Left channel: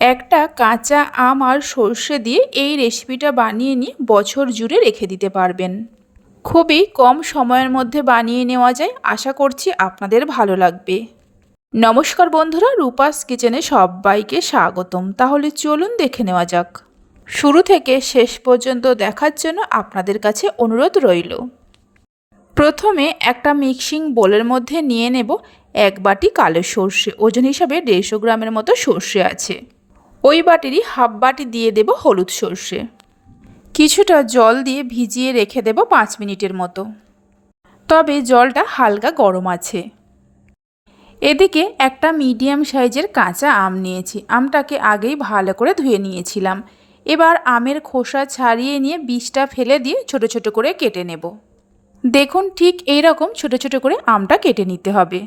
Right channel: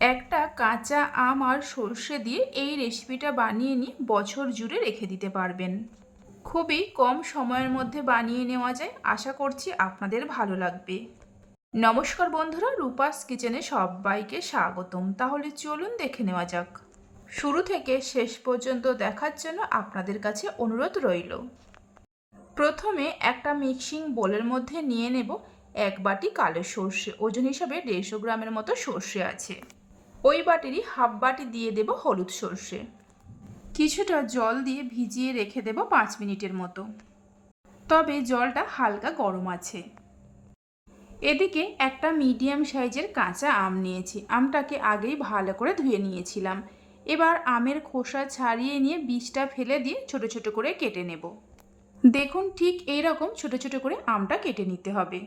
একটা কাঁচা আম আর সর্ষে দিয়ে এই রেসিপিটা বানিয়ে নিয়ে বছর জুড়ে রেখে দিতে পারবেন। খুবই কম সময়ের মধ্যে বানিয়ে নেওয়া যায়। আশা করছি আপনাদের ভালো লাগবে। নমস্কার বন্ধুরা, রূপাস কিচেনে সবাইকে স্বাগতম। তাহলে চলুন দেখে নেওয়া যাক। শুরু থেকে শেষ পর্যন্ত দেখার জন্য আপনাদের কাছে অনুরোধ রইল। প্রথমে একটা মিক্সিং বোলের মধ্যে নিয়ে নেব এক বাটি কালো সর্ষে। ওজন হিসাবে দেড়শো গ্রামের মতো সর্ষে আছে। ওই বাটিরই হাফ বাটি দিয়ে দেব হলুদ সর্ষে। কিছুটা জল দিয়ে ভিজিয়ে রেখে দেব পাঁচ মিনিটের মতো। তবে জলটা হালকা গরম আছে। এদিকে একটা মিডিয়াম সাইজের কাঁচা আম নিয়েছি। আমটাকে আগেই ভালো করে ধুয়ে নিয়েছিলাম। এবার আমের খোসা ছাড়িয়ে নিয়ে বীজটা ফেলে দিয়ে ছোট ছোট করে কেটে নেব। দেখুন ঠিক এই রকম ছোট ছোট করে আমটা কেটে নিতে হবে।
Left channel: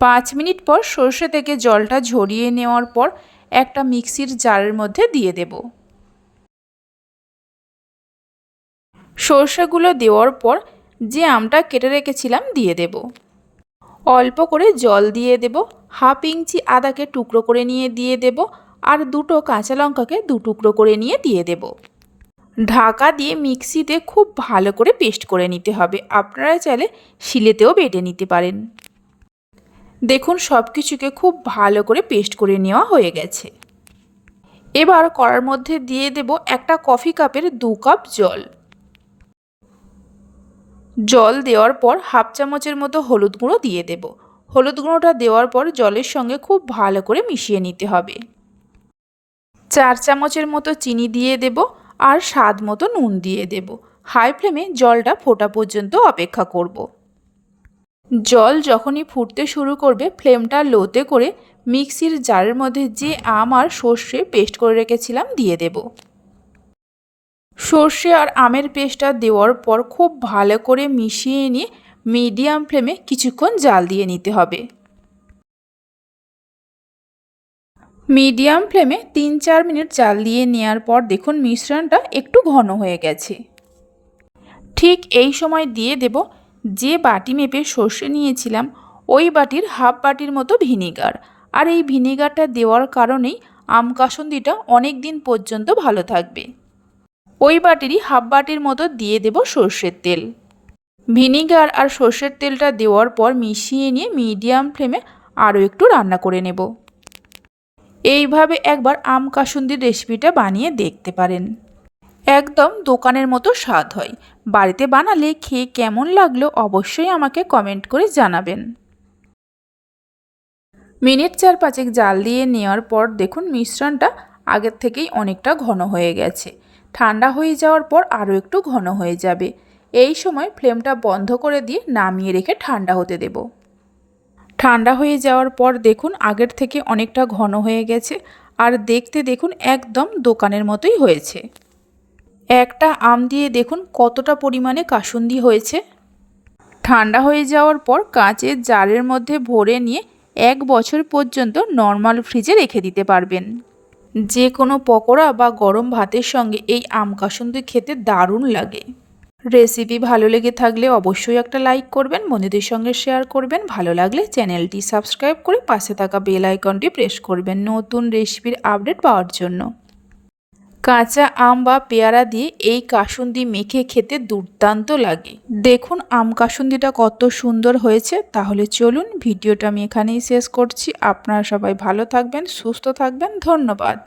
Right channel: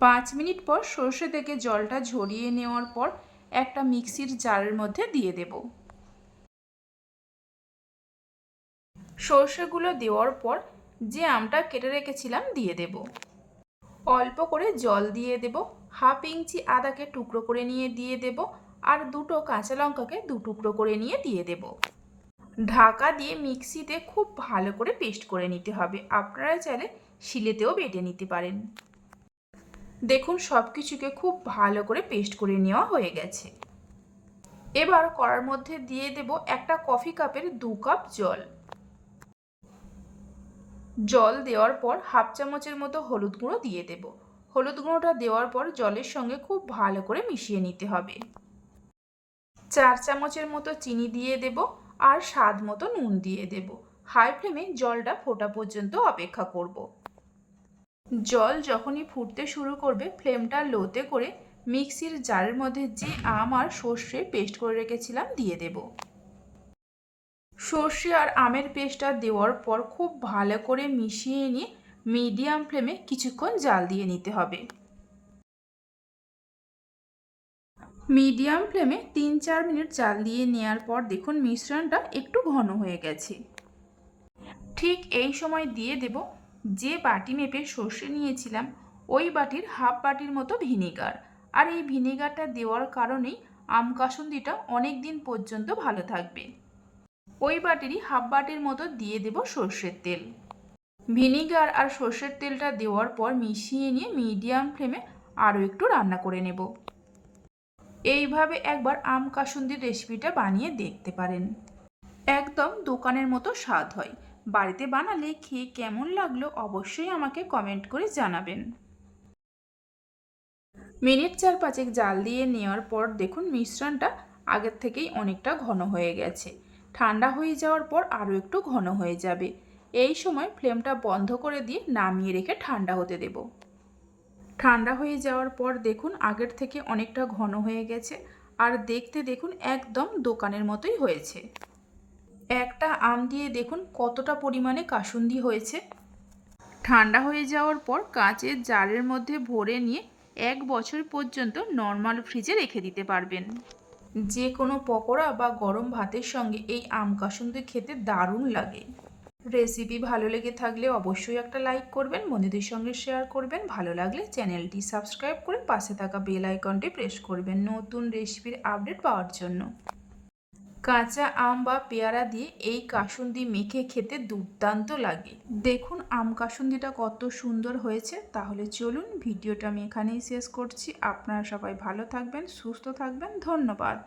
পাঁচ মিনিট পর সর্ষে থেকে জলটা ঝরিয়ে নেওয়ার পর একটা মিক্সির জারের মধ্যে দিয়ে দেব। সর্ষেগুলো দেওয়ার পর যে আমটা কেটে রেখেছিলাম দিয়ে দেব। অল্প করে জল দিয়ে দেব, হাফ ইঞ্চি আদাকে টুকরো করে নিয়ে দিয়ে দেব আর দুটো কাঁচা লঙ্কাকে দু টুকরো করে নিয়ে দিয়ে দেব। ঢাকা দিয়ে মিক্সিতে খুব ভালো করে পেস্ট করে নিতে হবে, আপনারা চাইলে শিলেতেও বেটে নিতে পারেন। দেখুন সব কিছুকে খুব ভালো করে পেস্ট করে নেওয়া হয়ে গেছে। এবার কড়ার মধ্যে দিয়ে দেব একটা কফি কাপের দু কাপ জল। জল দেওয়ার পর হাফ চামচের মতো হলুদ গুঁড়ো দিয়ে দেব। হলুদ গুঁড়োটা দেওয়ার পর জলের সঙ্গে খুব ভালো করে মিশিয়ে নিতে হবে। চার চামচের মতো চিনি দিয়ে দেব আর স্বাদ মতো নুন দিয়ে দেব। হাই ফ্লেমে জলটা ফোটা পর্যন্ত অপেক্ষা করব। জল যখনই ফুটতে শুরু করবে, ফ্লেমটা লোতে করে মিক্সির জারের মধ্যে যে আম আর সর্ষে পেস্ট করে রেখেছিলাম দিয়ে দেব। সর্ষে আর আমের পেস্টটা দেওয়ার পর খুব ভালো করে মিশিয়ে নিয়ে মিডিয়াম ফ্লেমে কিছুক্ষণ জাল দিয়ে নিতে হবে। মিডিয়াম ফ্লেমে তিন চার মিনিট জাল দিয়ে নেওয়ার পর দেখুন মিশ্রণটা একটু ঘন হয়ে গেছে। ঠিক এই সময় দিয়ে দেব যে বাটি মেপে সর্ষে নিয়েছিলাম, ওই বাটির হাফ বাটির মতো ভিনিগার। আর এই ভিনিগারটা দেওয়ার কারণেই আম কাসুন্দিটা অনেক দিন পর্যন্ত ভালো থাকবে। ওই বাটিরই হাফ বাটির মতো দিয়ে দেব সর্ষের তেল। ভিনিগার আর সর্ষের তেলটা দেওয়ার পর মিশিয়ে নিয়ে মিডিয়াম ফ্লেমে আরও একটু রান্না করে নেব। এইভাবে একবার আম কাসুন্দির রেসিপিটা বানিয়ে দেখতে পারেন। একদম দোকানের মতো স্বাদ হয়। বাড়িতে বানালে খেয়ে কেমন লাগল অবশ্যই আমাকে কমেন্ট করে জানাবেন। মিনিট চার পাঁচেক জাল দিয়ে নেওয়ার পর দেখুন মিশ্রণটা আগের থেকেই অনেকটা ঘন হয়ে গেছে। ঠান্ডা হয়ে যাওয়ার পর আরও একটু ঘন হয়ে যাবে। এই সময় ফ্লেমটা বন্ধ করে দিয়ে নামিয়ে রেখে ঠান্ডা হতে দেব। ঠান্ডা হয়ে যাওয়ার পর দেখুন আগের থেকে অনেকটা ঘন হয়ে গেছে। আর দেখতে দেখুন একদম দোকানের মতোই হয়েছে। একটা আম দিয়ে দেখুন কতটা পরিমাণে কাসুন্দি হয়েছে। ঠান্ডা হয়ে যাওয়ার পর কাঁচের জারের মধ্যে ভরে নিয়ে এক বছর পর্যন্ত নর্মাল ফ্রিজে রেখে দিতে পারবেন। যে কোনো পকোড়া বা গরম ভাতের সঙ্গে এই আম কাসুন্দি খেতে দারুণ লাগে। রেসিপি ভালো লেগে থাকলে অবশ্যই একটা লাইক করবেন, বন্ধুদের সঙ্গে শেয়ার করবেন। ভালো লাগলে চ্যানেলটি সাবস্ক্রাইব করে পাশে থাকা বেল আইকনটি প্রেস করবেন নতুন রেসিপির আপডেট পাওয়ার জন্য। কাঁচা আম বা পেয়ারা দিয়ে এই কাসুন্দি মেখে খেতে দুর্দান্ত লাগে। দেখুন আম কাসুন্দিটা কত সুন্দর হয়েছে। তাহলে চলুন ভিডিওটা আমি এখানেই শেষ করছি। আপনারা সবাই ভালো থাকবেন, সুস্থ থাকবেন। ধন্যবাদ।